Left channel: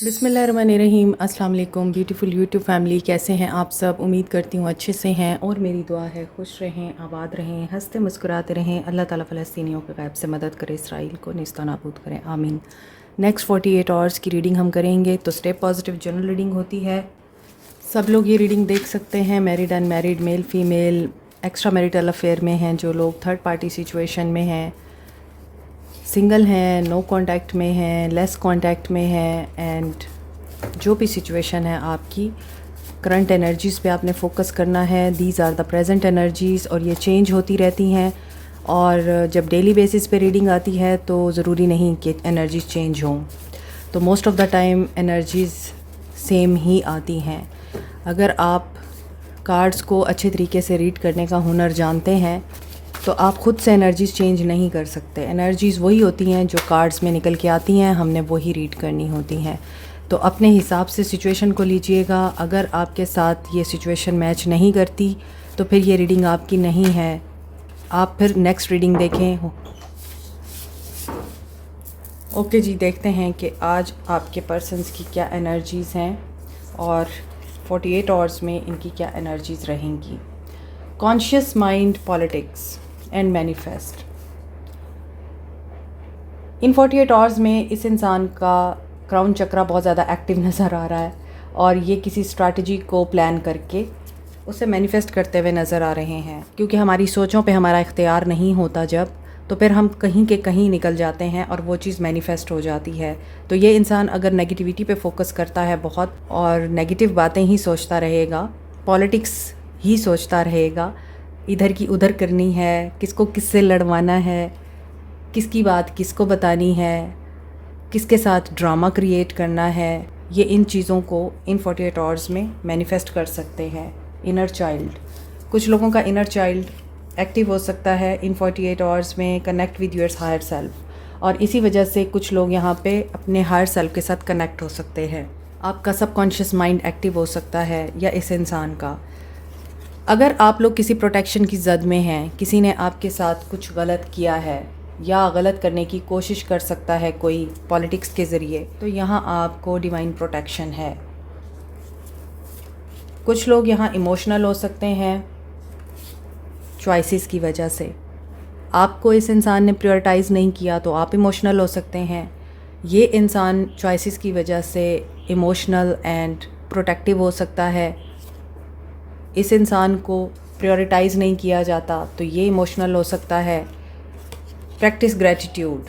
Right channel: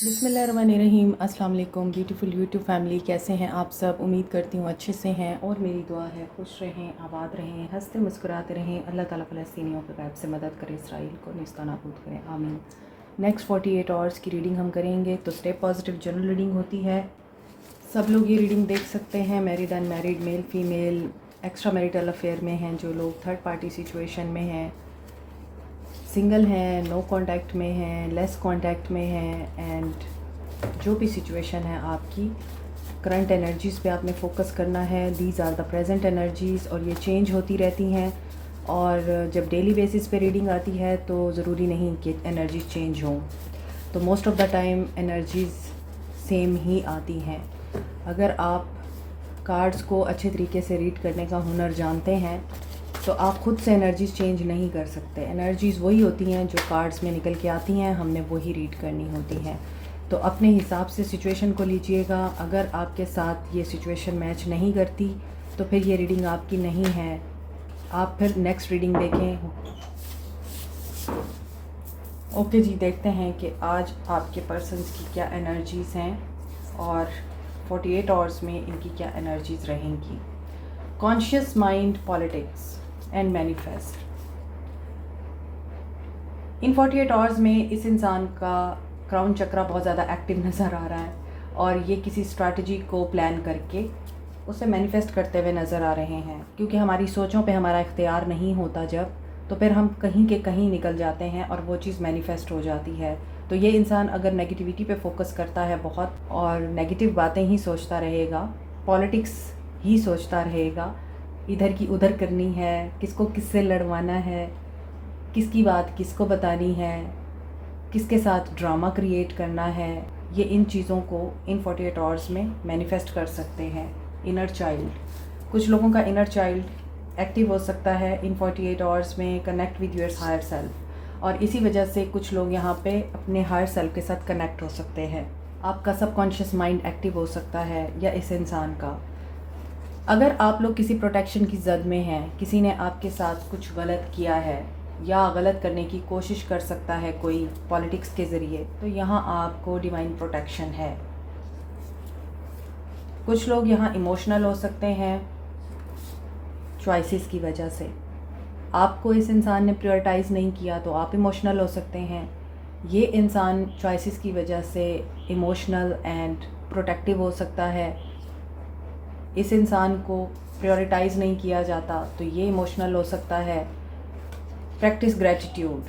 बिस्मिल्लाहिर्रहमानिर्रहीम। अस्सलाम वालेकुम ब्यूटीफुल यूट्यूब फैमिली, कैसे हैं आप सब? उम्मीद करती हूँ अच्छे से हैं और मेरी दुआ है खुश रहें, आबाद रहें, हंसते मुस्कुराते रहें। अल्लाह ताला फ़लस्तीनियों के गैब से मदद करे, इसराइल को नेस्ता नाबूद करें, आमीन। नेक्स्ट 48 आवर्स की रीडिंग हम करेंगे। तो स्टेप पॉजिटिव जनरल रीडिंग होती है। सब लोग ये रीडिंग देख सकते हैं, married unmarried, male female, extra marital affair में हैं, जो लोग थर्ड पार्टी सिचुएशन में हैं, सिंगल हैं, नो कांटेक्ट में हैं, लेस कांटेक्ट में हैं, एंड जो भी सिचुएशन है आपकी करंट एनर्जीज़ पे आपने फोकस करना है। These are the present energies और ये चेंज होती रहती हैं। और जब डेली बेसिस पे रीडिंग आती है तो ज़रूरी नहीं कि एनर्जीज़ चेंज हों, तो most of the time energies same ही आती हैं। अगर आप कार्ड्स को अच्छे तरीके से रीड करने का हुनर जानते हैं तो आप ख़ुद से एनर्जीज़ चेंज नहीं कर सकते। एनर्जीज़ वही होती हैं जो कार्ड्स में निकल के आती हैं, हमने वही रीड करनी होती हैं। तो अपने हिसाब से सिचुएशन को लीजिएगा। अगर आपके साथ ये सिचुएशन मैच नहीं करती तो फिर ये रीडिंग आपकी नहीं है, आप फिर नेक्स्ट रीडिंग देखें। ओके जी, देखते हैं कि आज आपके पर्सन्स की क्या एनर्जीज़ हैं और 48 आवर्स में इनकी क्या एनर्जीज़ रहेंगी। Conscious mind, politics and manifest. In 48 hours में इस इंसान का क्राउन चक्रा बहुत ज़्यादा एक्टिव नज़र आ रहा है और ये किसी स्ट्रैटेजी को प्लान करके उसे मैनिफेस्ट करते हुए नज़र आ रहे हैं। क्योंकि हमारी सोचों पे हमारा इख्तियार नहीं होता जब, तो फिर हम कहीं के कहीं निकल जाते हैं और वो चीज़ मैनिफेस्ट हो जाती है। तो ये इंसान अगर नेगेटिविटी पे फोकस करता है बहुत और नेगेटिव बातें ही सोचता रहेगा, पॉलिटिक्स ही सोचता रहेगा, इधर की उधर करनी है, किसको किससे लड़वाना है, किसकी बात किसको बतानी है, किसके साथ ड्रामा क्रिएट करना है, ये इन चीज़ों को इन 48 आवर्स में मैनिफेस्ट कर सकते हैं। इनर चाइल्ड, कुछ लोगों का इनर चाइल्ड एक्टिव हो सकता है इन 48 आवर्स में। Connect with your higher self, और इसी वजह से कुछ लोग यहाँ पे अपने हायर सेल्फ के साथ कनेक्ट हो सकते हैं। आपका सबकॉन्शियस माइंड एक्टिव हो सकता है या इस इंसान का। अगर आप लोग किसी प्रोटेक्शन की जद में हैं, किसी ने आपके साथ कुछ गलत किया है या गलत करने की कोशिश कर सकता है कोई पॉलिटिक्स के ज़रिए, तो यहाँ आपको डिवाइन प्रोटेक्शन है। कुछ लोग यहाँ इमोशनल हो सकते हैं चॉइसेस की वजह से। आपको इस इंसान ने प्रायोरिटाइज़ नहीं किया तो आप इमोशनल हो सकते हैं। ये इंसान चॉइसेस की वजह से इमोशनल एंड प्रोटेक्टिव हो सकता है। इस इंसान को प्रायोरिटाइज़ नहीं किया जाता तो ये इमोशनल हो सकता है। Practice gratitude.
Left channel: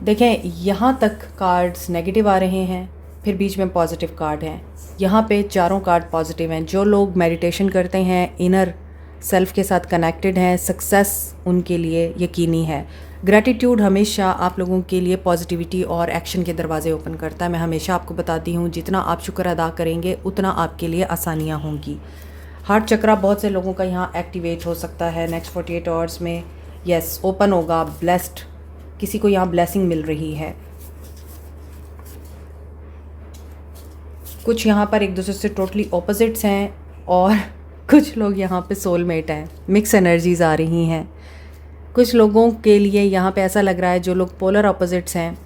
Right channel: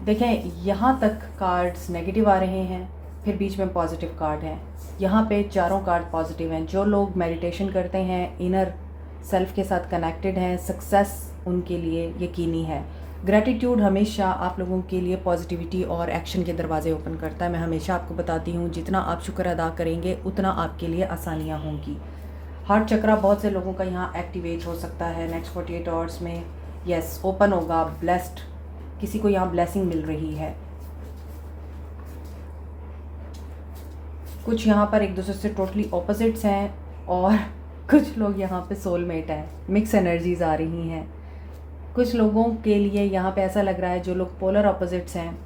देखें, यहाँ तक कार्ड्स नेगेटिव आ रहे हैं, फिर बीच में पॉजिटिव कार्ड हैं। यहाँ पे चारों कार्ड पॉजिटिव हैं। जो लोग मेडिटेशन करते हैं, इनर सेल्फ के साथ कनेक्टेड हैं, सक्सेस उनके लिए यकीनी है। ग्रैटिट्यूड हमेशा आप लोगों के लिए पॉजिटिविटी और एक्शन के दरवाजे ओपन करता है। मैं हमेशा आपको बताती हूँ, जितना आप शुक्र अदा करेंगे उतना आपके लिए आसानियाँ होंगी। हार्ट चक्रा बहुत से लोगों का यहाँ एक्टिवेट हो सकता है नेक्स्ट 48 आवर्स में। यस, ओपन होगा, ब्लेस्ड, किसी को यहाँ ब्लेसिंग मिल रही है। कुछ यहाँ पर एक दूसरे से टोटली ऑपोजिट्स हैं और कुछ लोग यहाँ पे सोलमेट हैं। मिक्स एनर्जीज आ रही हैं। कुछ लोगों के लिए यहाँ पे ऐसा लग रहा है, जो लोग पोलर ऑपोजिट्स हैं,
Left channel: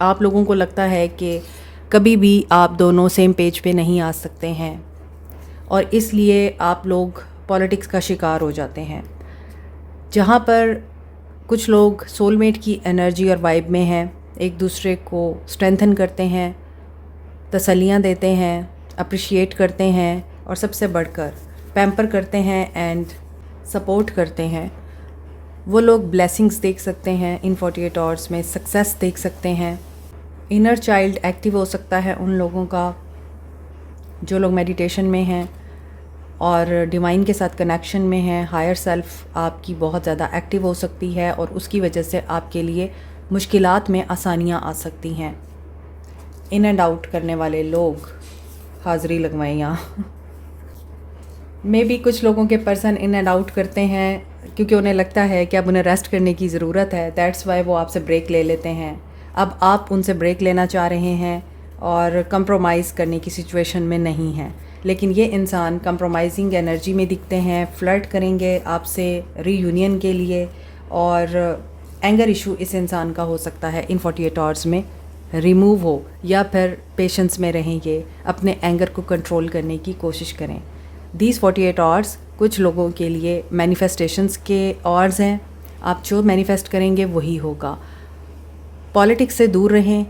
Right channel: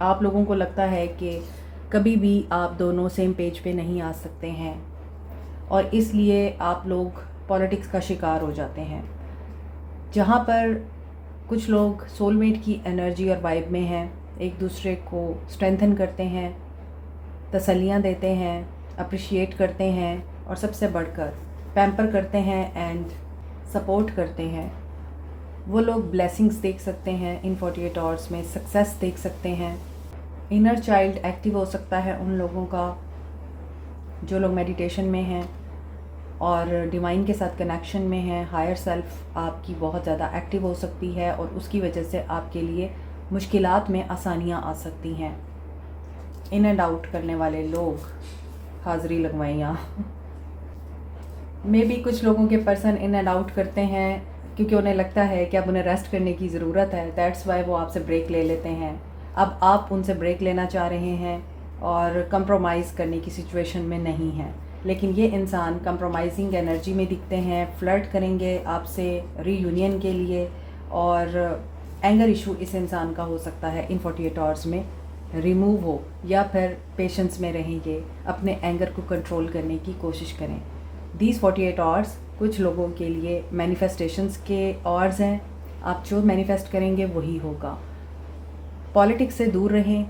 आप लोगों को लगता है कि कभी भी आप दोनों सेम पेज पे नहीं आ सकते हैं और इसलिए आप लोग पॉलिटिक्स का शिकार हो जाते हैं। जहाँ पर कुछ लोग सोलमेट की एनर्जी और वाइब में हैं, एक दूसरे को स्ट्रेंथन करते हैं, तसल्लियाँ देते हैं, अप्रिशिएट करते हैं और सबसे बढ़कर पैम्पर करते हैं एंड सपोर्ट करते हैं। वो लोग ब्लेसिंग्स देख सकते हैं इन 48 आवर्स में, सक्सेस देख सकते हैं। इनर चाइल्ड एक्टिव हो सकता है उन लोगों का जो लोग मेडिटेशन में हैं और डिवाइन के साथ कनेक्शन में हैं। हायर सेल्फ आपकी बहुत ज़्यादा एक्टिव हो सकती है और उसकी वजह से आपके लिए मुश्किलात में आसानियाँ आ सकती हैं। इन एंड आउट करने वाले लोग हाज़िरी लगवाएं यहाँ। मे भी कुछ लोगों के पर्सन इन एंड आउट करते हैं क्योंकि उन्हें लगता है कि अब उन्हें रेस्ट करने की ज़रूरत है। दैट्स वाई वो आपसे ब्रेक ले लेते हैं। अब आप उनसे ब्रेक लेना चाह रहे हैं और कंप्रोमाइज़ करने की सिचुएशन में नहीं हैं। लेकिन ये इंसान कंप्रोमाइजिंग एनर्जी में दिखते हैं, फ्लर्ट करेंगे आपसे रीयूनियन के लिए और एंगर इशू इस इंसान का हो सकता है इन 48 आवर्स में। रिमूव हो, या फिर पेशेंस में रहें, ये अपने एंगर को कंट्रोल करने की कोशिश करें। दीज 48 आवर्स कुछ लोगों के लिए मैनिफेस्टेशंस के आवर्स हैं। आप जो मैनिफेस्ट करेंगे वही होगा। पॉलिटिक्स से दूर रहें,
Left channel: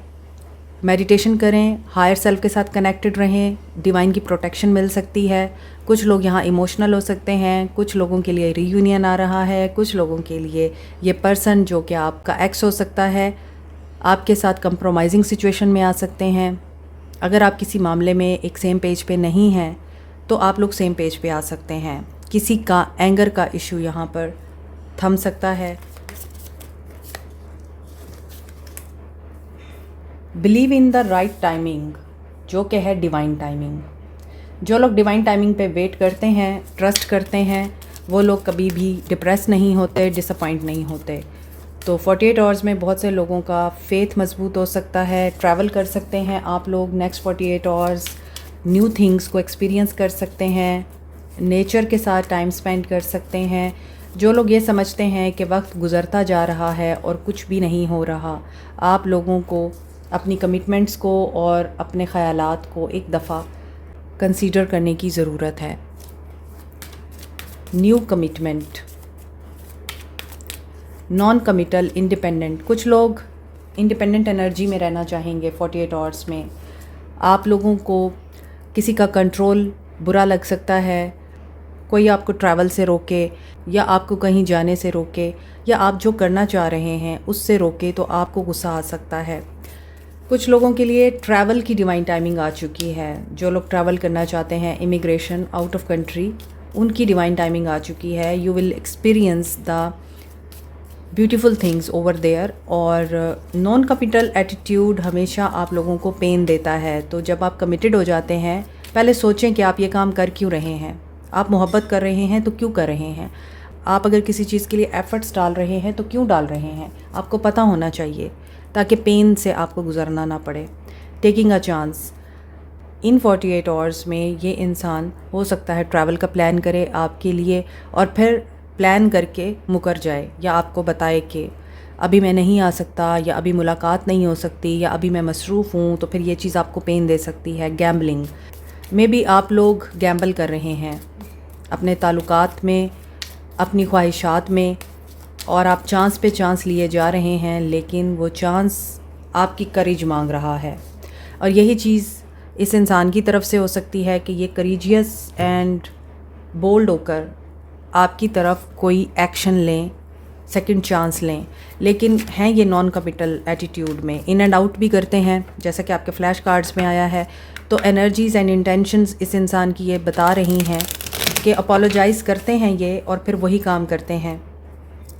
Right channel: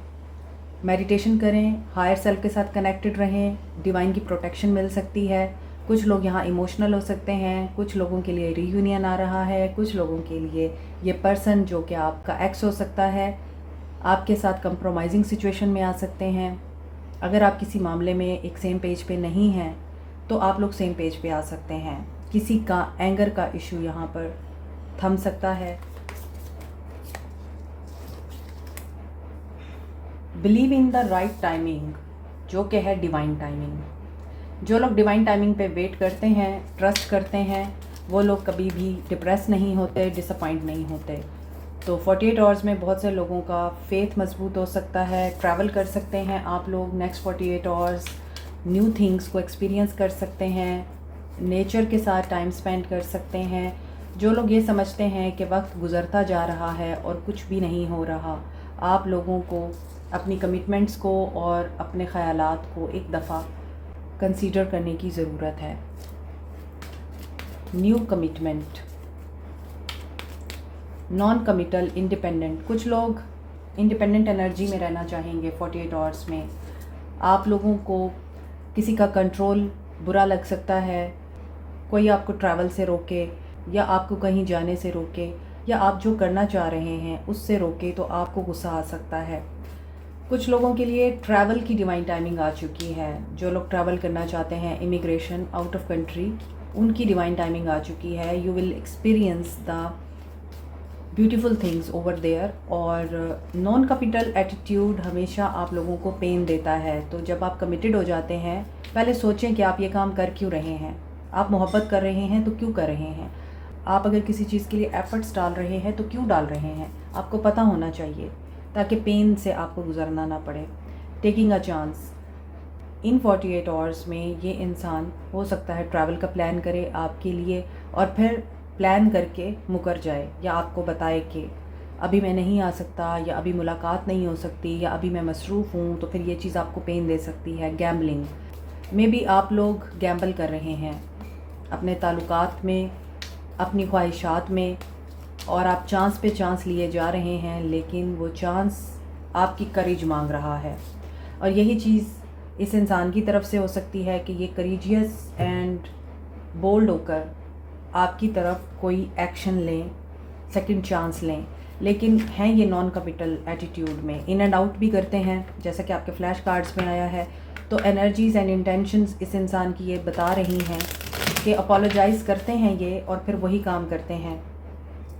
मेडिटेशन करें, हायर सेल्फ के साथ कनेक्टेड रहें, डिवाइन की प्रोटेक्शन मिल सकती है। कुछ लोग यहाँ इमोशनल हो सकते हैं, कुछ लोगों के लिए रीयूनियन आ रहा है, कुछ लोगों के लिए ये पर्सन जो कि आपका एक्स हो सकता है आपके साथ कंप्रोमाइजिंग सिचुएशन में आ सकते हैं। अगर आप किसी मामले में एक सेम पेज पे नहीं हैं तो आप लोग सेम पेज पे आ सकते हैं। किसी का एंगर का इशू यहाँ पर थम सकता है। Believe in the right timing, जो कि है डिवाइन टाइमिंग। जो लोग डिवाइन टाइमिंग पे वेट करते हैं, ट्रस्ट करते हैं, वो लोग कभी भी डिप्रेस नहीं होते, डिसअपॉइंट नहीं होते। तो 48 आवर्स में बहुत से लोगों का फेथ मजबूत हो सकता है। ट्रैवल कर सकते हैं आप लोग नेक्स्ट 48 आवर्स, न्यू थिंग्स को एक्सपीरियंस कर सकते हैं, नेचर के साथ टाइम स्पेंड कर सकते हैं। जो लोग ये समझते हैं कि वक्त गुज़रता जा रहा है और कुछ भी नहीं हो रहा, आप लोगों को अपनी कमिटमेंट्स को और अपने ख़यालात को एक दफ़ा कंसीडर करने की ज़रूरत है। New commitment, non committal, independent. कुछ लोग इंडिपेंडेंट एनर्जी में रहना चाहेंगे 48 आवर्स में। आप लोगों को किसी का कंट्रोल बुरा लग सकता है, कोई आपको ट्रैवल से रोके या आपको कहीं जाने से रोके या आप जो करना चाह रहे हैं उससे रोके, तो आपको गुस्सा आ सकता है। कुछ लोगों के लिए ट्रैवल की डिवाइन टाइमिंग आ चुकी है। जो लोग ट्रैवल करना चाहते हैं, इमिग्रेशन, आउट ऑफ कंट्री, उनकी डिवाइन टाइमिंग आ चुकी है। You will experience the beautiful things over there. और नॉन कमिटल एटीट्यूड हमेशा आप लोगों को पेन देता है। तो जब आप कमिटेड हो जाते हैं, पहले सोचें कि आप ये काम कर क्यों रहे हैं। आप मोहब्बत कर रहे हैं तो क्यों कर रहे हैं। आप अगर किसी चीज़ के लिए एफ़र्ट्स डाल रहे हैं तो क्यों डाल रहे हैं, आपको पता होना चाहिए, ताकि पेन से आपको गुजरना ना पड़े। Taking a chance, in 48 hours में ये इंसान हो सकता है ट्रैवल का प्लान करे आपके लिए और फिर प्लान करके मुकर जाए, या आपको बताए कि अभी मैं नहीं आ सकता, या अभी मुलाकात नहीं हो सकती, या अभी मैं मसरूफ़ हूँ। तो फिर ये चीज़ आपको पेन दे सकती है। गैम्बलिंग में भी आप लोग गैम्बल कर रहे हैं अपने ताल्लुकात में, अपनी ख्वाहिशात में, और आप चांस पे चांस लिए जा रहे हैं, लेकिन वो चांस आपकी करेज मांग रहा है। और यही चीज़ इस इंसान की तरफ से हो सकती है कि ये करेजियस एंड बोल्ड होकर आपकी तरफ कोई एक्शन लें, सेकंड चांस लें, लेकिन हैं ये नॉन कमिटल एटीट्यूड में, इन एंड आउट भी करते हैं, जैसा कि आपके फ्लैश कार्ड्स में आया है। तो एनर्जीज़ एंड इंटेंशंस इस इंसान की ये बता रही हैं कि अपोलोजाइज़ करते हैं ये, और फिर वही काम करते हैं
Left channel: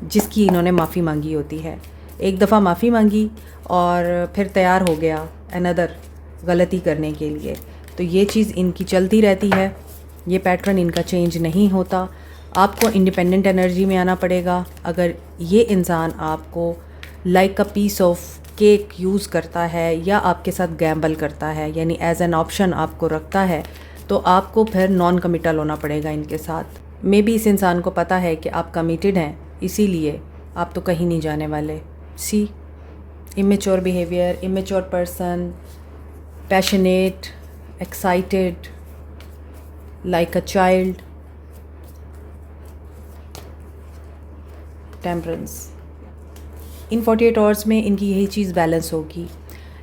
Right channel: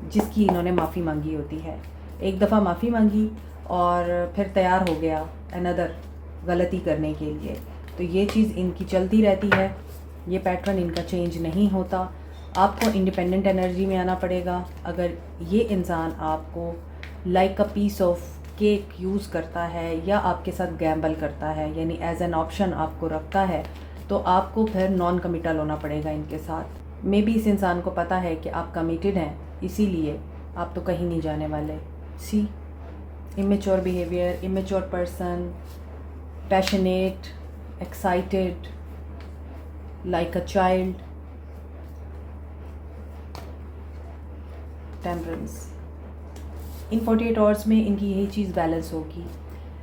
जिसकी इन्होंने माफ़ी मांगी होती है। एक दफ़ा माफ़ी मांगी और फिर तैयार हो गया अनदर गलती करने के लिए। तो ये चीज़ इनकी चलती रहती है, ये पैटर्न इनका चेंज नहीं होता। आपको इंडिपेंडेंट एनर्जी में आना पड़ेगा। अगर ये इंसान आपको like a piece of cake use करता है या आपके साथ गैम्बल करता है, यानी एज एन ऑप्शन आपको रखता है, तो आपको फिर नॉन कमिटल होना पड़ेगा इनके साथ। मे बी इस इंसान को पता है कि आप कमिटेड हैं, इसीलिए आप तो कहीं नहीं जाने वाले। See immature behaviour, immature person, passionate, excited, like a child, temperance. In 48 hours में इनकी यही चीज़ बैलेंस होगी।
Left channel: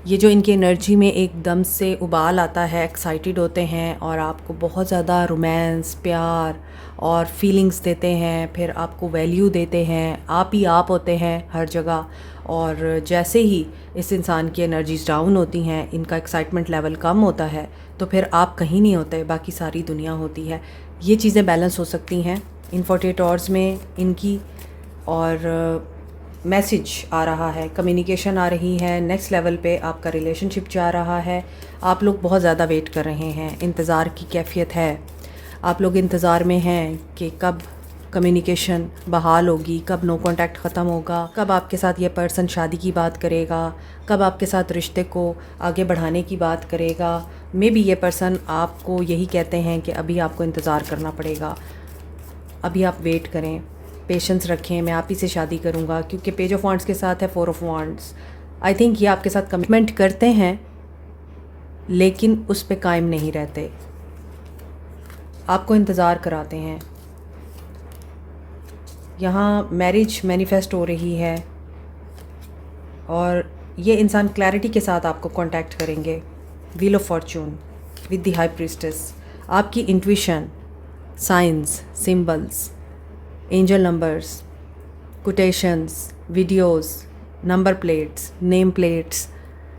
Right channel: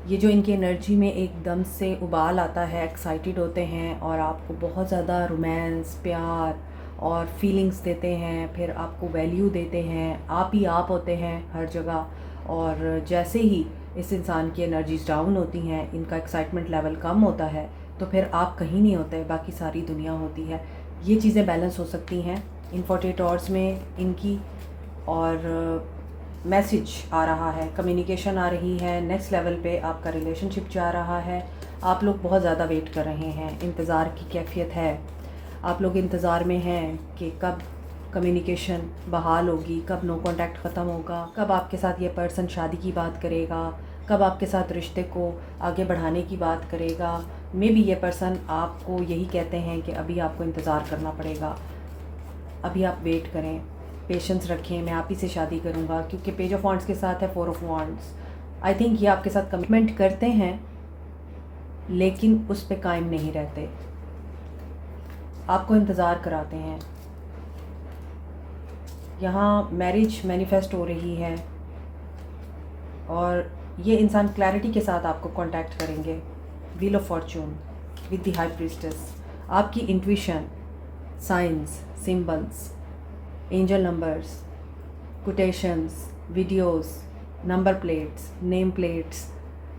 ये जो इनकी एनर्जी में एकदम से उबाल आता है, एक्साइटेड होते हैं और आपको बहुत ज़्यादा रोमांस, प्यार और फीलिंग्स देते हैं, फिर आपको वैल्यू देते हैं, आप ही आप होते हैं हर जगह। और जैसे ही इस इंसान की एनर्जीज डाउन होती हैं, इनका एक्साइटमेंट लेवल कम होता है, तो फिर आप कहीं नहीं होते, बाकी सारी दुनिया होती है। ये चीज़ें बैलेंस हो सकती हैं इन 48 आवर्स में इनकी। और मैसेज आ रहा है, कम्युनिकेशन आ रही है, नेक्स्ट लेवल पे आपका रिलेशनशिप जा रहा है। आप लोग बहुत ज़्यादा वेट कर रहे हैं, इंतज़ार की कैफियत है। आप लोग इंतज़ार में हैं कि कब कम्युनिकेशन बहाल होगी, कब नो कांटेक्ट ख़त्म होगा, कब आपके साथ ये पर्सन शादी की बात करेगा, कब आपके साथ रिश्ते को आगे बढ़ाने की बात करेगा। मे बी ये पर्सन आपको यही कहते हैं कि अभी आपको इंतज़ार करना पड़ेगा, अभी आप वेट करें, पेशेंस रखें, मैं आप ही से शादी करूंगा, क्योंकि पेज ऑफ वांड्स के साथ है 4 ऑफ वांड्स। आई थिंक ये आपके साथ कमिटमेंट करते हैं लेकिन उस पे कायम नहीं रहते, आपको इंतज़ार कराते हैं। यहाँ मैरिज मैनिफेस्ट हो रही है और ये इंसान क्लैरिटी के साथ आपको कांटेक्ट करेंगे। Wheel of fortune with the high priestess, आपकी intuition, signs, symbols, angel numbers, quotations, videos, number plates, name plates,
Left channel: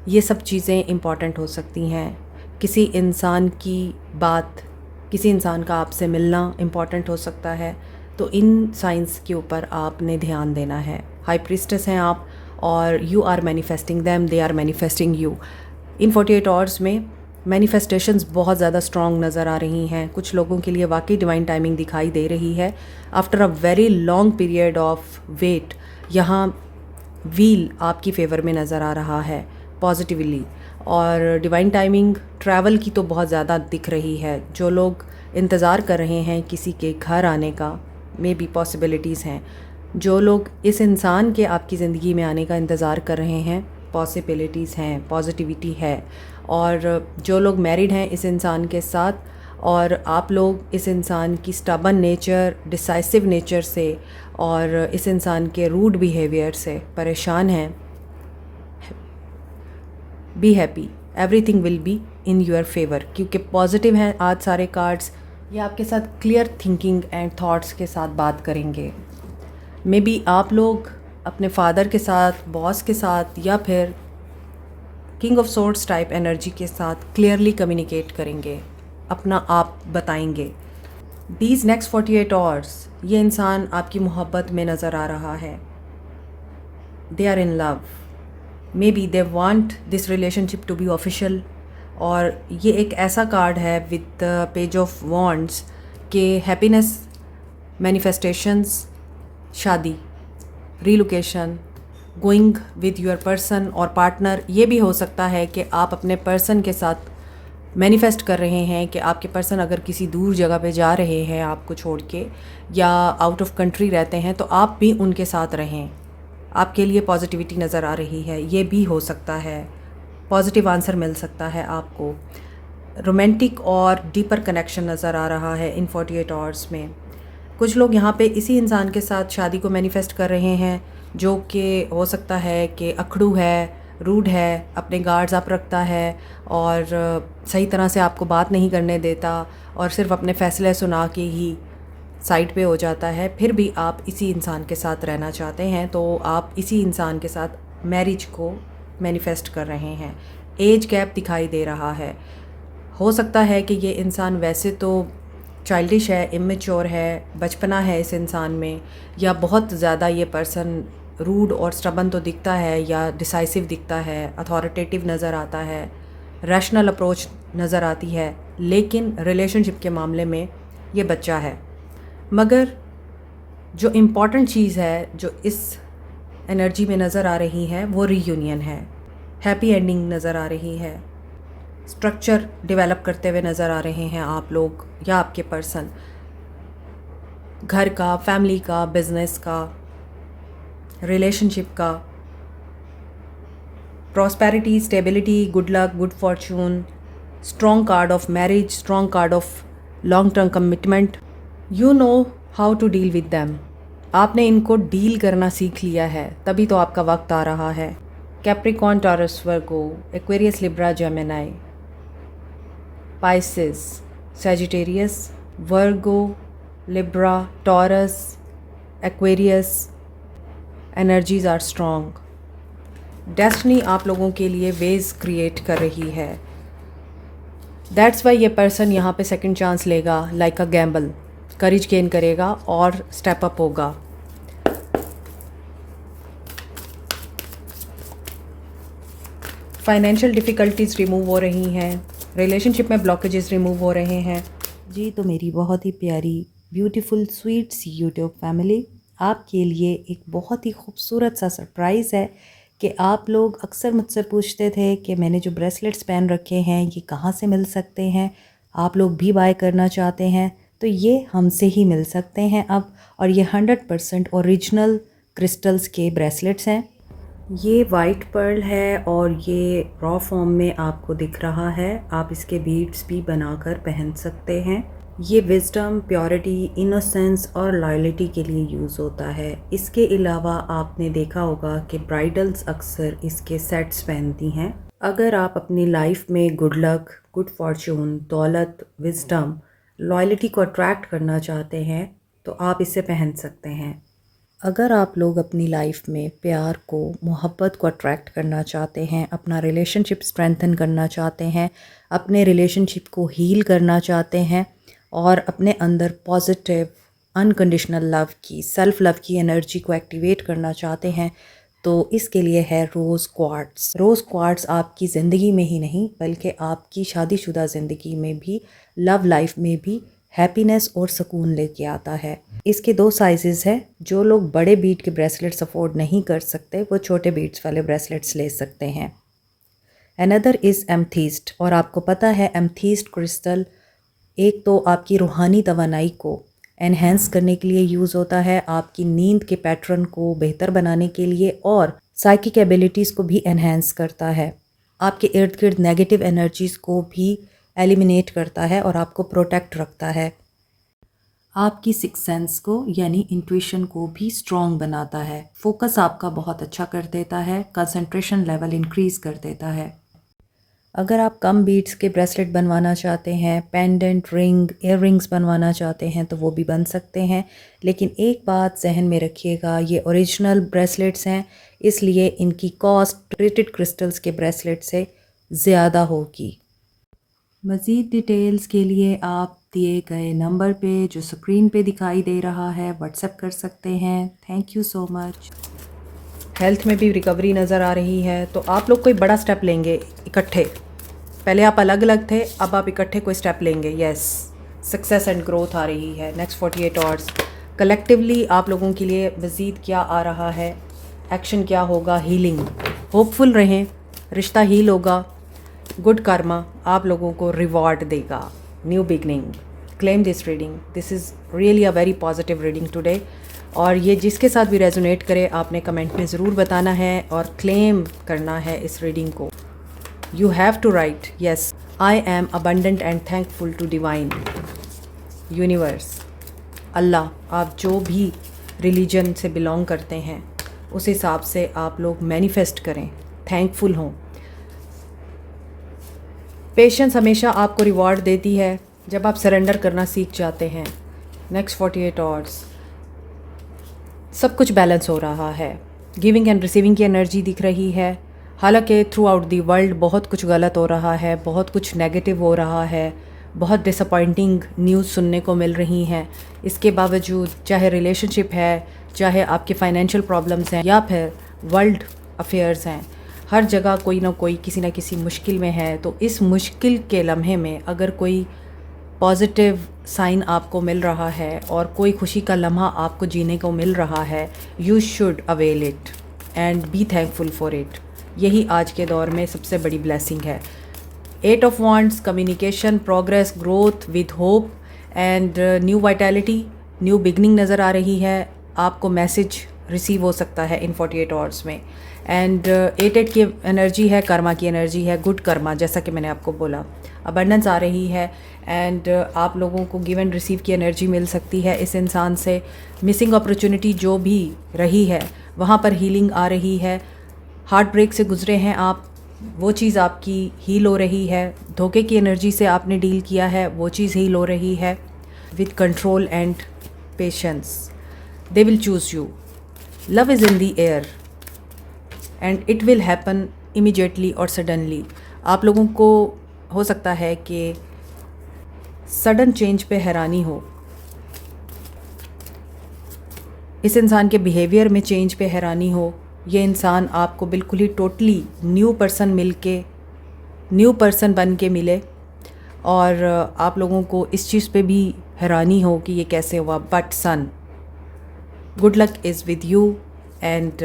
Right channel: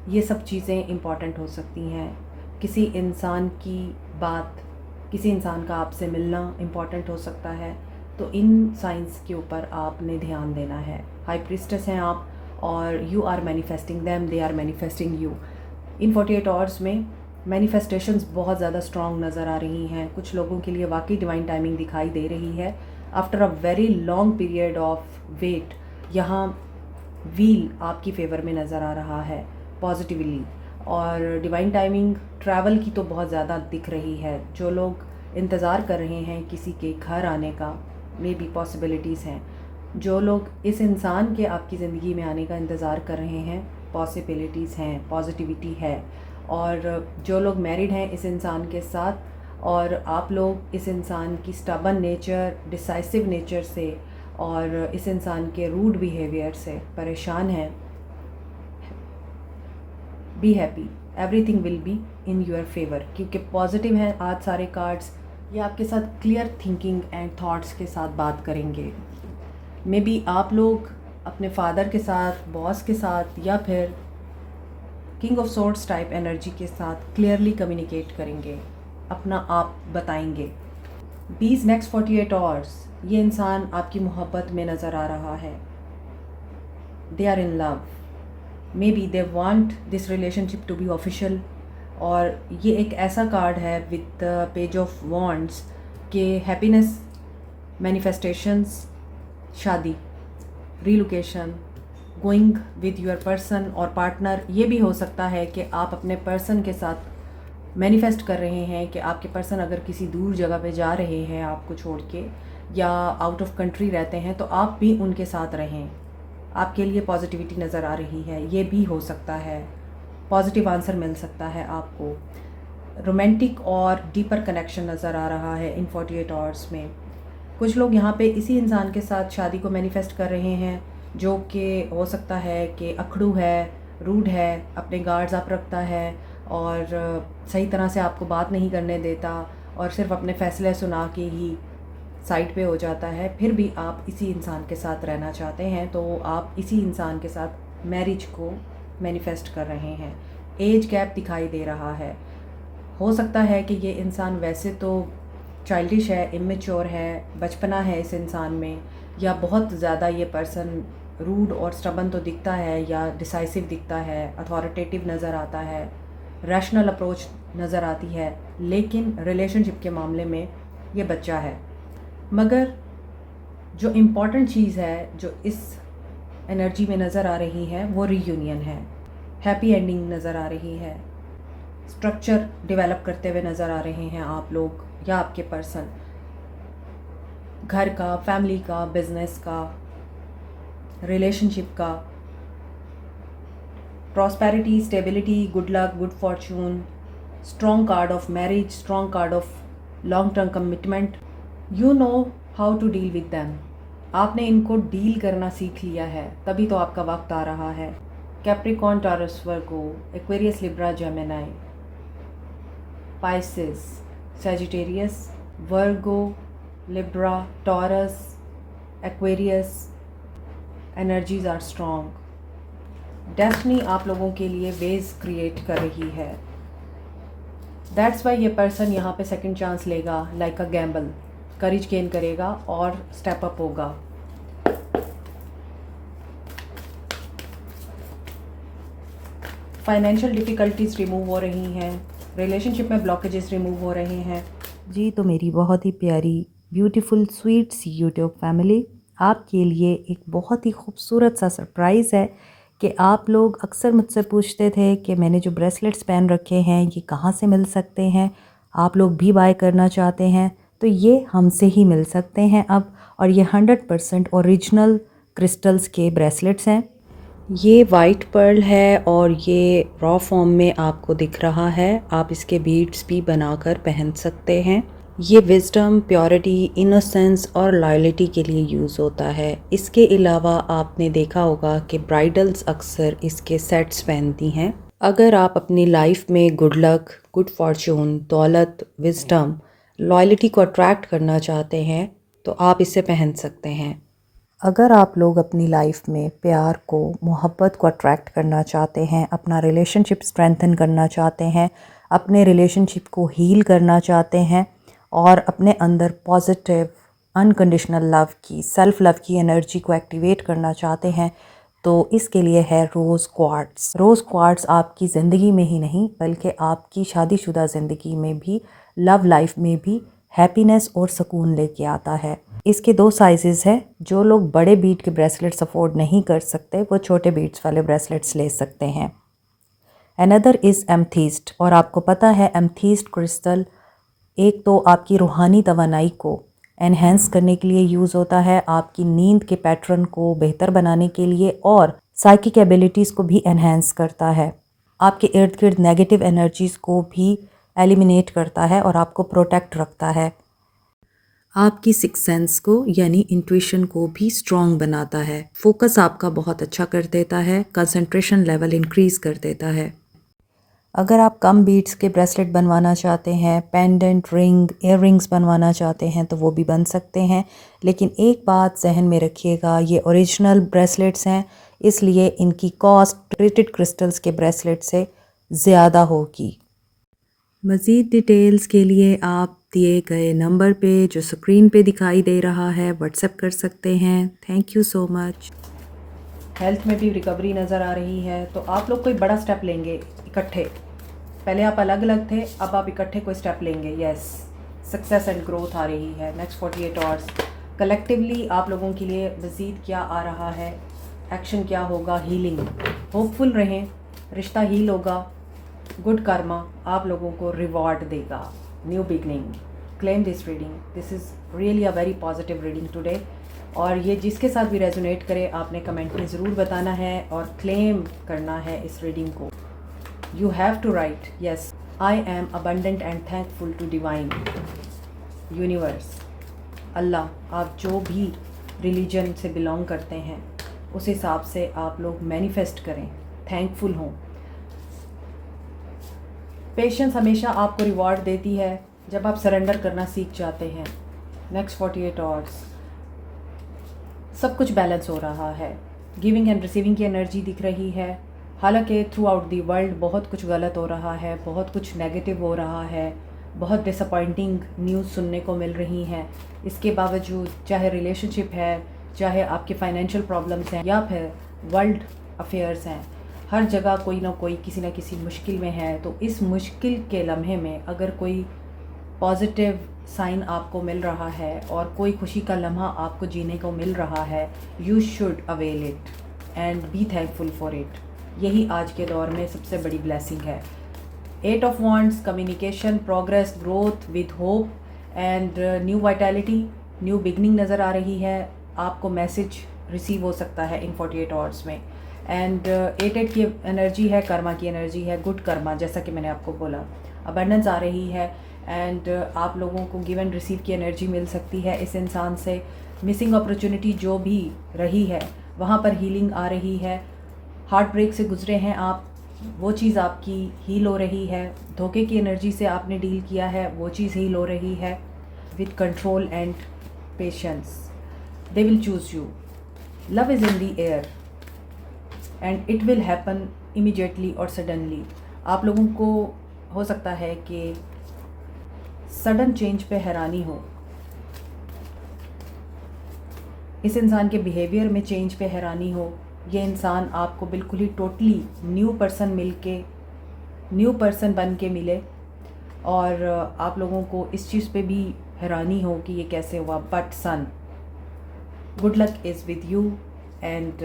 ये सब चीज़ें इम्पॉर्टेंट हो सकती हैं। किसी इंसान की बात, किसी इंसान का आपसे मिलना इम्पॉर्टेंट हो सकता है। तो इन साइंस के ऊपर आपने ध्यान देना है। हाई प्रीस्टेस हैं आप और you are manifesting them, they are manifesting you. In 48 hours में मैनिफेस्टेशंस बहुत ज़्यादा स्ट्रॉन्ग नज़र आ रही हैं। कुछ लोगों के लिए वाकई डिवाइन टाइमिंग दिखाई दे रही है। After a very long period of wait, यहाँ व्हील आपकी फेवर में नज़र आ रहा है पॉजिटिवली। और डिवाइन टाइमिंग ट्रैवल की तो बहुत ज़्यादा दिख रही है। जो लोग इंतज़ार कर रहे हैं किसी के घर आने का, मे बी पॉसिबिलिटीज़ हैं। जो लोग इस इंसान के आपकी ज़िंदगी में आने का इंतज़ार कर रहे हैं, पॉसिबिलिटीज़ हैं, पॉजिटिविटी है। और जो लोग मैरिड हैं इस इंसान के साथ और आप लोग इस इंसान की स्टबन नेचर, डिसाइसिव नेचर से और इस इंसान के रूड बिहेवियर से परेशान हैं, be happy, everything will be in your favour. क्योंकि पॉजिटिव हैं आज सारे कार्ड्स, ये आपके साथ क्लियर थिंकिंग एंड थॉट्स के साथ बात करेंगे। मे बी आप लोग अपने फादर के साथ, बॉस के साथ या फिर king of swords type energy के साथ क्लियरली कम्युनिकेट करेंगे, अपना आप बताएंगे। दीज नेक्स्ट 48 आवर्स ये इंसान आपकी मोहब्बत में नज़र आ रहा है। They are in love, maybe they want this relationship to be official. और ये एक ऐसा कार्ड है विद पेज ऑफ वॉन्ड्स के हैप्पीनेस, मैनिफेस्टेशंस, शादी, relocation, going with your person और पार्टनर। ये भी हो सकता है कि आप अपने पर्सन के साथ मैनिफेस्ट कर रहे हैं कि आपके पर्सन अगर किसी दूर जगह पे जा रहे हैं आपको छोड़ के, या आउट ऑफ कंट्री रहते हैं, तो आप भी उनके साथ रहें। आपके लिए पॉजिटिविटी नज़र आ रही है, ये भी हो सकता है। पॉजिटिव आंसर मिल सकता है आपको। रोमांटिक और डीपर कनेक्शन नज़र आ रहा है इन 48 आवर्स में। कुछ लोग यहाँ पे इसी इंसान के साथ शादी को मैनिफेस्ट कर रहे हैं, जो कि हो सकता है कि अखड़ू है, रूड है, अपने गार्ड्स अप रखता है और सही तरह से आपको बात नहीं करने देता और सिर्फ अपने फ़ैसले सुना के ही साइड पे हो जाता है। फिर भी आप इसी इंसान के साथ रहना चाहते हैं, तो आप इसी इंसान के साथ मैरिज को मैनिफेस्ट कर रहे हैं। एज गैप दिखाई दे रहा है। हो सकता है कि ये इंसान वैसे तो चाइल्डिश है, इमेच्योर है, बचपना है इस इंसान में, या बहुत ज़्यादा ये पर्सन रूड और स्टबन तो दिखता है या डिसाइसिव दिखता है, अथॉरिटेटिव नज़र आता है, रैशनल अप्रोच नज़र आती है, लेकिन रिलेशनशिप के मामले में ये बच्चा है। मगर जो इम्पॉर्टेंट चीज़ है जो इस एनर्जी में नज़र आ रही है वो रीयूनियन है। हैप्पी एंडिंग नज़र आ रही है। स्ट्रक्चर डेवलप करते हुए नज़र आ रहे हैं आप लोग या आपके पर्सन, घर का, फैमिली का, बिजनेस का, रिलेशनशिप का। Prosperity, stability, good luck, good fortune, strong card of marriage, strong card of long term commitment. You know how to deal with them. आपने इनको डील करना सीख लिया है, तभी तो आपका वक्त आ रहा है। Capricorn, Taurus, Virgo, Aquarius, Libra, Gemini, Pisces, Sagittarius, Virgo, Libra, Taurus, Aquarius energies are strong. Destiny आप लोगों के लिए वेज क्रिएट कर रही है। दैट्स वाई ये पर्सन यहाँ पे सेकंड चांस लेगा, like a gamble, courage gain करेगा और स्टेप अप होगा। फाइनेंशियल डिफ़िकल्टीज रिमूव हो रही हैं, रिलेशनशिप में ब्लॉकेजेस रिमूव हो रहे हैं। जी, तो मेरी बहुत ही प्यारी ब्यूटीफुल स्वीट सी यूट्यूब फैमिली, आपके लिए एक बहुत ही खूबसूरत सा सरप्राइज़ है कि आप लोग अक्सर मुझसे पूछते थे कि मैंने जो ब्रेसलेट्स पहन रखे हैं ये कहाँ से मिल सकते हैं, आप लोग भी बाय करना चाहते हैं तो ये हमसे ही मिल सकते हैं अब। और ये 100% ओरिजिनल क्रिस्टल्स के ब्रेसलेट्स हैं। ये वाइट पर्ल है और ये रॉ फॉर्म में आपको दिख रहा है। आप इसके बीड्स भी बनाकर पहन सकते हैं। ये विजडम, प्योरिटी, इनोसेंस और लॉयल्टी के लिए यूज़ होता है। इसके अलावा आपने देखा होगा कि ब्राइडल्स अक्सर इसके सेट्स पहनती हैं। अगर आप अपनी लाइफ में गुड लक, गुड फॉर्चून, दौलत, विजडम, लॉयल्टी को अट्रैक्ट करना चाहते हैं तो आप इसे पहन सकते हैं। अगर आप लोग अपनी लाइफ में प्यार को, मोहब्बत को अट्रैक्ट करना चाहते हैं, अपना रिलेशनशिप स्ट्रेंथन करना चाहते हैं, अपने रिलेशनशिप को हील करना चाहते हैं और अपने अंदर पॉजिटिव अनकंडीशनल लव की, सेल्फ लव की एनर्जी को एक्टिवेट करना चाहते हैं तो इसके लिए है रोज़ क्वार्ट्स। रोज़ क्वार्ट्स आपकी ज़िंदगी में ही नहीं बल्कि आपकी शादीशुदा ज़िंदगी में भी, लव लाइफ में भी हैप्पीनेस और सुकून लेके आता है। इसके 2 साइजेस हैं। जो लोग बड़े बीट के ब्रेसलेट्स अफोर्ड नहीं कर सकते वो छोटे बीट्स वाले ब्रेसलेट्स ले सकते हैं। अनदर इज़ एमथीस्ट, और आपको पता है एमथीस्ट क्रिस्टल एक तो आपकी रूहानी तवानाई को एनहेंस करने के लिए यूज़ होता है, आपकी नींद के पैटर्न को बेहतर बनाने के लिए और साइकिक एबिलिटीज़ को भी एनहेंस करता है, आपके इर्द गिर्द नेगेटिव एनर्जीज़ को भी एलिमिनेट करता है और आपको प्रोटेक्ट रखता है। आपकी सिक्स सेंस को यानी इंट्यूशन को भी स्ट्रॉन्ग बनाता है, फोकस आपका बहुत अच्छा कर देता है, कंसंट्रेशन लेवल इंक्रीज़ कर देता है। अगर आप कम बीट्स के ब्रेसलेट बनवाना चाहते हैं, पेंडेंट, रिंग, इयर रिंग्स बनवाना चाहते हैं तो वो भी बन सकते हैं, लेकिन एक बात जहन में रखिएगा, ये ओरिजिनल ब्रेसलेट्स हैं इसलिए इनकी कॉस्ट ट्रीटेड क्रिस्टल्स के ब्रेसलेट से ज़्यादा होगी। मज़ीद डिटेल्स के लिए आप दिए गए नंबर पे जो स्क्रीन पे दिखाई दे रहा है व्हाट्सएप कर सकते हैं। Thank you so much. Health में भी रिकवरी नज़र आ रही है, तो आप लोग कोई बड़ा स्टेप लेंगे इकट्ठे। पहले आप अलग अलग थे, अब आप इकट्ठे कोई स्टेप लेंगे। यस, सक्सेस एंड ग्रोथ आ रही है नेक्स्ट 48 आवर्स। कलेक्टिवली आप लोगों के लिए मज़ीद क्या आ रहा है, एक्शन क्या होगा, हीलिंग। होपफुल रहें, रिश्ता हील होगा, गुड कर्मा आप लोगों को रिवॉर्ड देगा, new beginning. Claim this reading, this is really a very positive reading today. और ये जिसके साथ भी रेजोनेट करे आपने कमेंट में ज़रूर बताना है और क्लेम करना है इस रीडिंग को। You have to write, yes, I am abundant and thankful to divine universe. अल्लाह, आप जो भी रिलीजन से बिलोंग करते हैं उस हिसाब से आप लोग मैनिफेस्ट करें, थैंकफुल हों। पेशेंस हमेशा आपको रिवॉर्ड देती है जब आप सरेंडर करना सीख जाते हैं। नेक्स्ट 48 आवर्स सब कुछ बैलेंस हो रहा है, गिविंग एंड रिसीविंग की एनर्जी दिख रही है। हालांकि थ्रू आउट दी वर्ल्ड बहुत कुछ गलत हो रहा है, बहुत कुछ नेगेटिव हो रहा है, बहुत डिसअपॉइंटिंग न्यूज़ सुनने को मिल रही हैं। इसके बावजूद चाहे रिलेशनशिप है, चाहे आपके फाइनेंशियल प्रॉब्लम्स हैं या फिर वर्ल्ड अफेयर्स हैं, हर जगह कोई ना कोई किसी ना किसी मुश्किल में है। तो इस मुश्किल के लम्हे में अगर कोई पॉजिटिव साइन आपको मिल रहा है और कोई खुशी का लम्हा आपको जीने को मिल रहा है, you should avail it and be thankful for it. यही आज के दौर में सबसे बड़ी ब्लेसिंग है। 8 of wands, communication, progress, growth with hope and new vitality, new beginning नज़र आ रही है। आपको मैसेज रिसीव हो सकता है इन 48 आवर्स में। एंड 8 की एनर्जी है, कर्मा की एनर्जी है, गुड कर्मा, जैसा कि मैंने आपको बोला। अबंडेंस आ रही है एंड आप लोगों को गिव एंड रिसीव की एनर्जी मिल सकती है इस इंसान से। मिसिंग अपॉर्चुनिटी जो भी रही है वहाँ पर हीलिंग आ रही है। हार्ट ब्रेक से गुजरे हैं आप, वो चीज़ आपकी हील हो रही है। धोखे की एनर्जी से आपने डील किया है, वो चीज़ हील हो रही है। With control and patience they will choose you. Love is in the air and it will happen immediately और सडनली। आप लोगों को हो सकता है कि सडन चेंज पे हैरानी हो, इस इंसान के बिहेवियर में चेंज पे हैरानी हो। ये इंसान आपको बिल्कुल ही totally new person new person बन के मिले और आप लोगों को इस चीज़ पे भी हैरानी हो कि ये कैसे हुआ। But son, good luck is with you and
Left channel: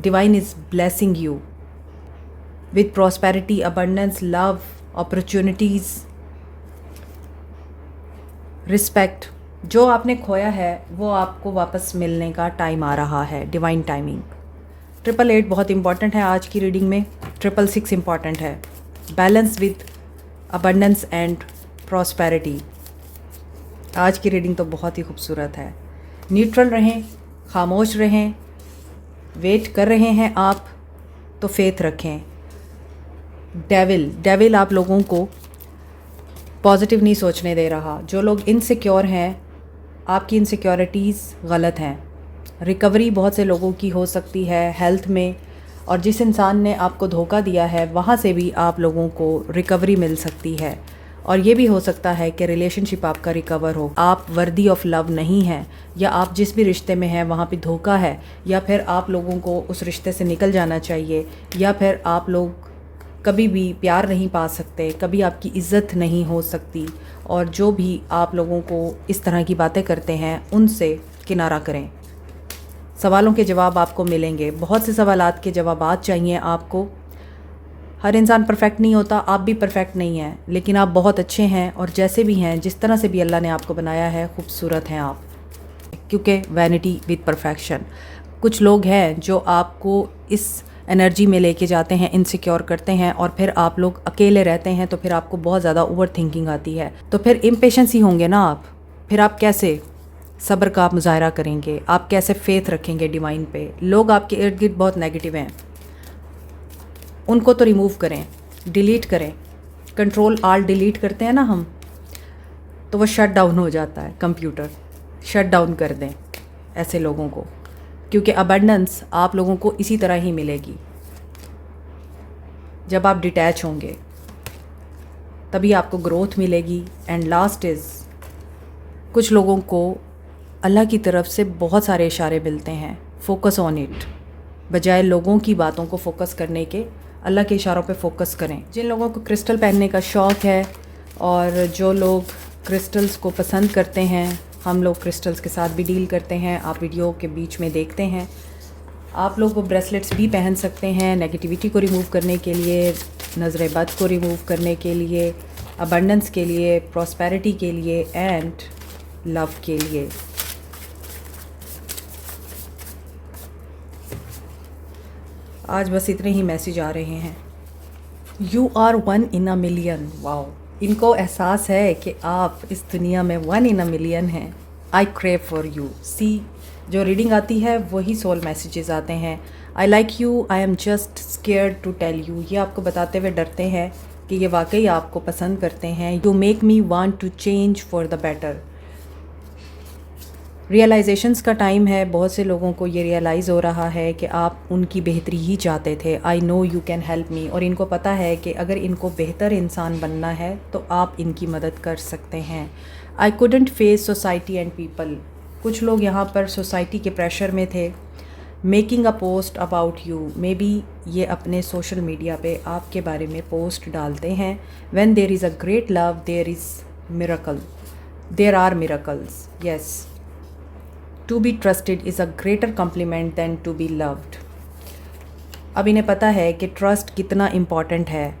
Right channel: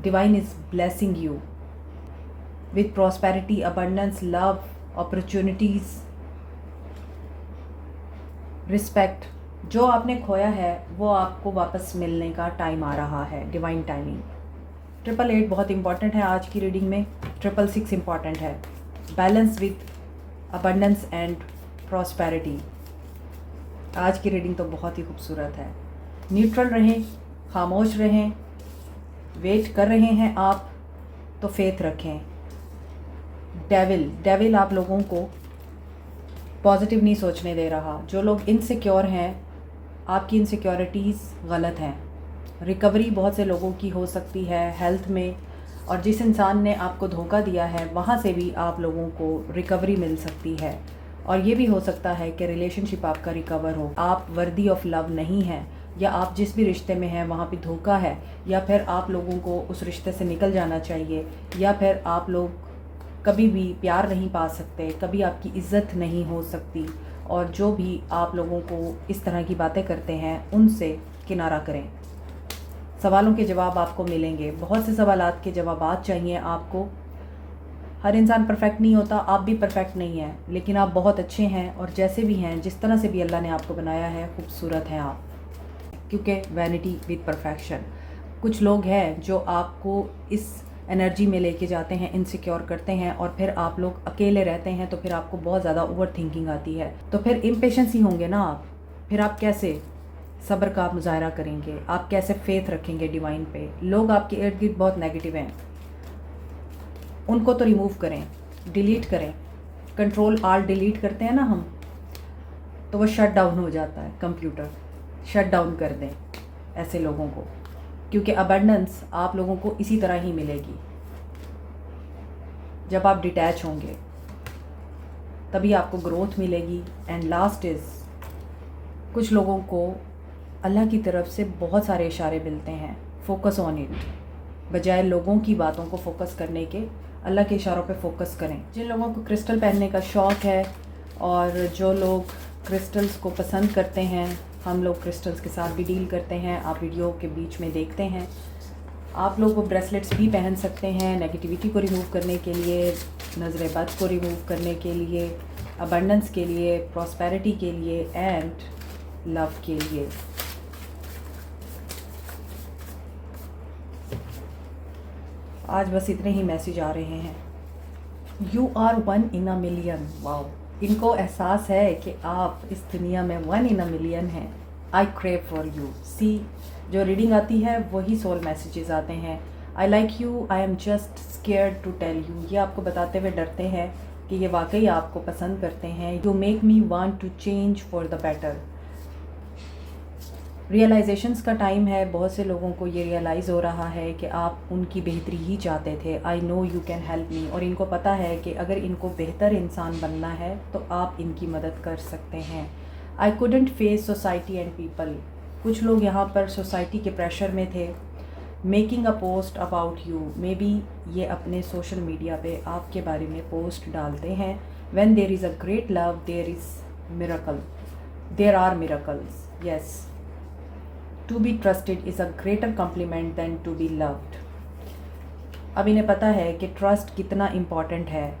divine is blessing you with prosperity, abundance, love, opportunities, respect. जो आपने खोया है वो आपको वापस मिलने का टाइम आ रहा है, डिवाइन टाइमिंग। 888 बहुत इंपॉर्टेंट है आज की रीडिंग में, 666 इंपॉर्टेंट है। Balance with abundance and prosperity. आज की रीडिंग तो बहुत ही खूबसूरत है। न्यूट्रल रहें, खामोश रहें, वेट कर रहे हैं आप तो फेथ रखें। डेविल आप लोगों को पॉजिटिव नहीं सोचने दे रहा। जो लोग इनसिक्योर हैं, आपकी इनसिक्योरिटीज़ गलत हैं। रिकवरी बहुत से लोगों की हो सकती है हेल्थ में, और जिस इंसान ने आपको धोखा दिया है वहाँ से भी आप लोगों को रिकवरी मिल सकती है। और ये भी हो सकता है कि रिलेशनशिप आपका रिकवर हो। आप वर्दी ऑफ लव नहीं हैं, या आप जिस भी रिश्ते में हैं वहाँ पे धोखा है, या फिर आप लोगों को उस रिश्ते से निकल जाना चाहिए, या फिर आप लोग कभी भी प्यार नहीं पा सकते, कभी आपकी इज़्ज़त नहीं हो सकती। और जो भी आप लोगों को इस तरह की बातें करते हैं उनसे किनारा करें। सवालों के जवाब आपको मिलेंगे, बहुत से सवालात के जवाबात चाहिए आपको। हर इंसान परफेक्ट नहीं होता, आप भी परफेक्ट नहीं हैं, लेकिन आप बहुत अच्छे हैं, और जैसे भी हैं, जिस तरह से भी अल्लाह ने आपको बनाया है, खूबसूरत हैं आप। क्योंकि वैनिटी विद परफेक्शन। कुछ लोग हैं जो आपको इस एनर्जी में लेके जाते हैं, इनसिक्योर करते हैं, और फिर आप लोग अकेले रहते हैं तो फिर आपको बहुत ज़्यादा ओवर थिंकिंग आती है, तो फिर इम्पेशेंस ही होंगे ना आप। फिर आप कैसे सब्र का आप मुजाहरा करेंगे, आप कैसे फेथ रखेंगे डिवाइन पे। लोग आपके इर्द गिर्द बहुत नेगेटिव हैं, उनको तो रिमूव करें, डिलीट करें। कंट्रोल आल्ट डिलीट करते हैं ना हम, तो वो शट डाउन हो जाता है, कंप्यूटर शट डाउन कर दें ऐसे लोगों को। क्योंकि अबंडेंस आप लोगों को इसी तरह ही मिलेगी। जब आप डिटैच होंगे तभी आपको ग्रोथ मिलेगी। एंड लास्ट इज़, कुछ लोगों को अल्लाह की तरफ से बहुत सारे इशारे मिलते हैं, फोकस ऑन इट। बजाय लोगों की बातों को फोकस करने के, अल्लाह के इशारों पे फोकस करें। जिन लोगों को क्रिस्टल पहनने का शौक़ है, और जो लोग क्रिस्टल्स को पसंद करते हैं, हम लोग क्रिस्टल्स के साथ भी डील करते हैं, आप वीडियो के बीच में देखते हैं। आप लोग वो ब्रेसलेट्स भी पहन सकते हैं नेगेटिविटी को रिमूव करने के लिए, नज़र बद को रिमूव करने के लिए, अबंडेंस के लिए, प्रॉस्पेरिटी के लिए, एंड लव के लिए। आज बस इतने ही मैसेज आ रहे हैं। You are 1 in a million। Wow, इनको एहसास है कि आप इस दुनिया में 1 in a million हैं। I crave for you. See, जो रीडिंग आती है वही सोल मैसेजेस आते हैं। I like you, I am just scared to tell you. ये आपको बताते हुए डरते हैं कि ये वाकई आपको पसंद करते हैं। You make me want to change for the better. Realisations का टाइम है। बहुत से लोगों को ये रियलाइज़ हो रहा है कि आप उनकी बेहतरी ही चाहते थे। I know you can help me. और इनको पता है कि अगर इनको बेहतर इंसान बनना है तो आप इनकी मदद कर सकते हैं। I couldn't face society and people. कुछ लोग यहाँ पर सोसाइटी के प्रेशर में थे। Making a post about you. May be ये अपने सोशल मीडिया पे आपके बारे में पोस्ट डालते हैं। When there is a great love there is miracle, there are miracles. Yes, to be trusted is a greater compliment than to be loved. अब इन्हें पता है कि ट्रस्ट कितना इम्पॉर्टेंट है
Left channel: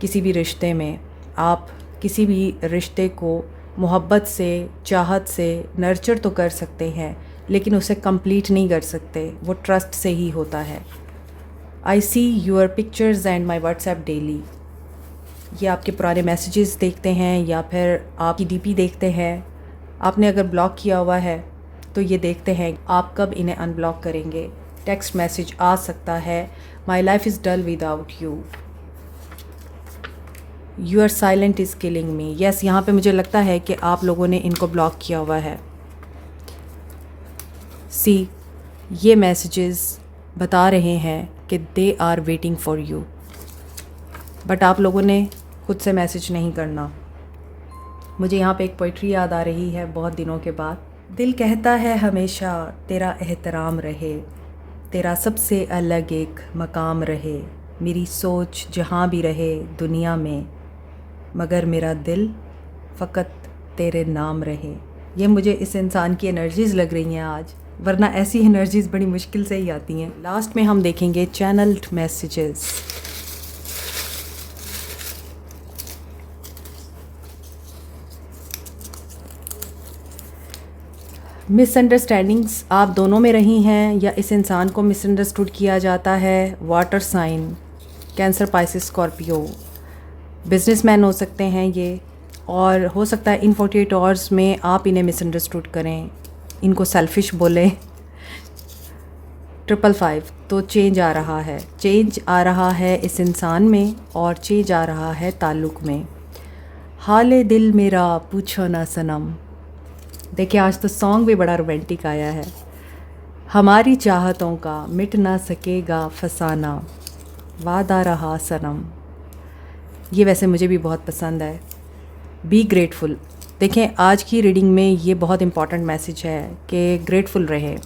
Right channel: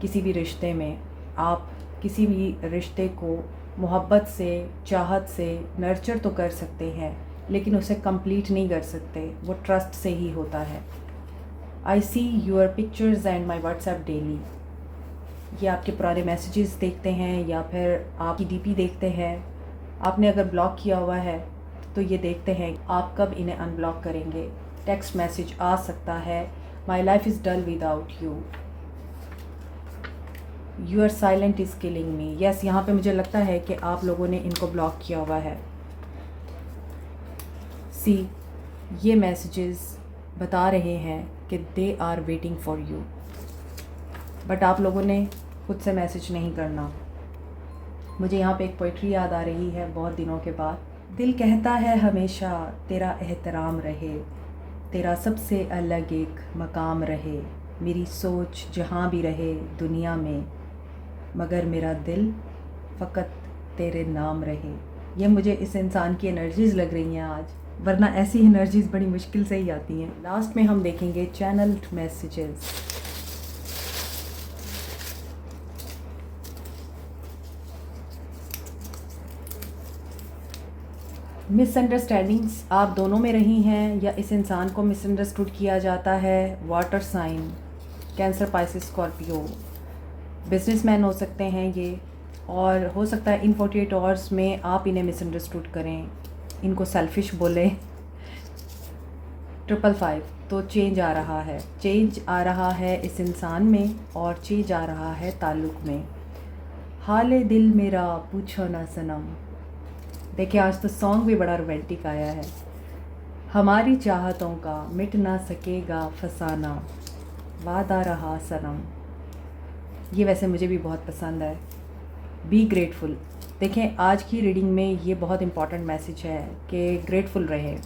किसी भी रिश्ते में। आप किसी भी रिश्ते को मोहब्बत से, चाहत से नर्चर तो कर सकते हैं, लेकिन उसे कंप्लीट नहीं कर सकते। वो ट्रस्ट से ही होता है। I see your pictures and my WhatsApp daily. ये आपके पुराने मैसेजेस देखते हैं या फिर आपकी डीपी देखते हैं। आपने अगर ब्लॉक किया हुआ है तो ये देखते हैं आप कब इन्हें अनब्लॉक करेंगे। टेक्स्ट मैसेज आ सकता है, my life is dull without you, you are silent is killing me. Yes, यहाँ पे मुझे लगता है कि आप लोगों ने इनको ब्लॉक किया हुआ है। सी, ये मैसेजेस बता रहे हैं कि they are waiting for you, but आप लोगों ने खुद से मैसेज नहीं करना। मुझे यहाँ पे एक पोइट्री याद आ रही है बहुत दिनों के बाद। दिल कहता है हमेशा तेरा एहतराम रहे, तेरा सबसे अलग एक मकाम रहे, मेरी सोच जहाँ भी रहे दुनिया में, मगर मेरा दिल फ़कत तेरे नाम रहे। ये मुझे इस इंसान की एनर्जीज़ लग रही हैं आज, वरना ऐसी एनर्जीज़ बड़ी मुश्किल से ही आती हैं। लास्ट में हम देखेंगे चैनल्ड मैसेजेस। मिसअंडरस्टैंडिंग्स आप दोनों में रही हैं या इस इंसान को मिसअंडरस्टूड किया जाता है। Water sign, Cancer, Pisces, Scorpio, businessman हो सकते हैं ये, और हो सकता है इन 48 आवर्स में आप इन्हें मिसअंडरस्टूड करें, इनको सेल्फिश बोलें। 555, तो चेंज आ रहा है, चेंज आ रहा है इस इंसान में और चेंज आ रहा है ताल्लुक़ में। हाले दिल मेरा पूछो ना सनम। देखिए आज तो सॉन्ग भी बड़ा रोमांटिक आया है। हमारी चाहतों का मिट ना सकेगा फसाना, वादा रहा सनम। ये वैसे मुझे भी बहुत पसंद है। Be grateful. देखें आज की रीडिंग में ये बहुत इंपॉर्टेंट मैसेज है कि ग्रेटफुल रहें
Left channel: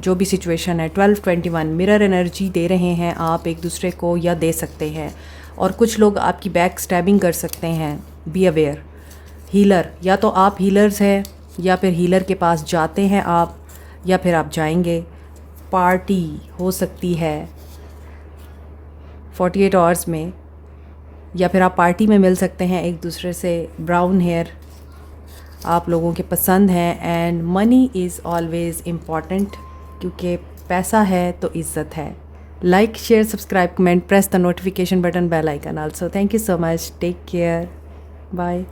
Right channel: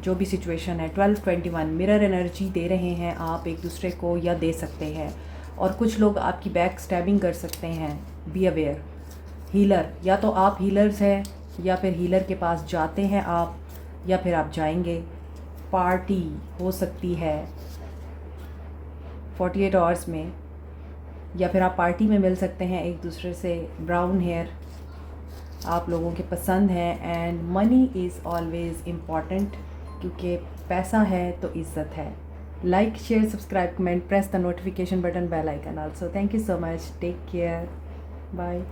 जो भी सिचुएशन है। 1221 मिरर एनर्जी दे रहे हैं आप एक दूसरे को या दे सकते हैं, और कुछ लोग आपकी बैक स्टैबिंग कर सकते हैं। Be aware. हीलर, या तो आप हीलर्स हैं या फिर हीलर के पास जाते हैं आप, या फिर आप जाएंगे। पार्टी हो सकती है 48 आवर्स में, या फिर आप पार्टी में मिल सकते हैं एक दूसरे से। ब्राउन हेयर आप लोगों के पसंद हैं। And money is always important, क्योंकि पैसा है तो इज़्ज़त है। Like, share, subscribe, comment, press the notification button, bell icon also. Thank you so much, take care, bye.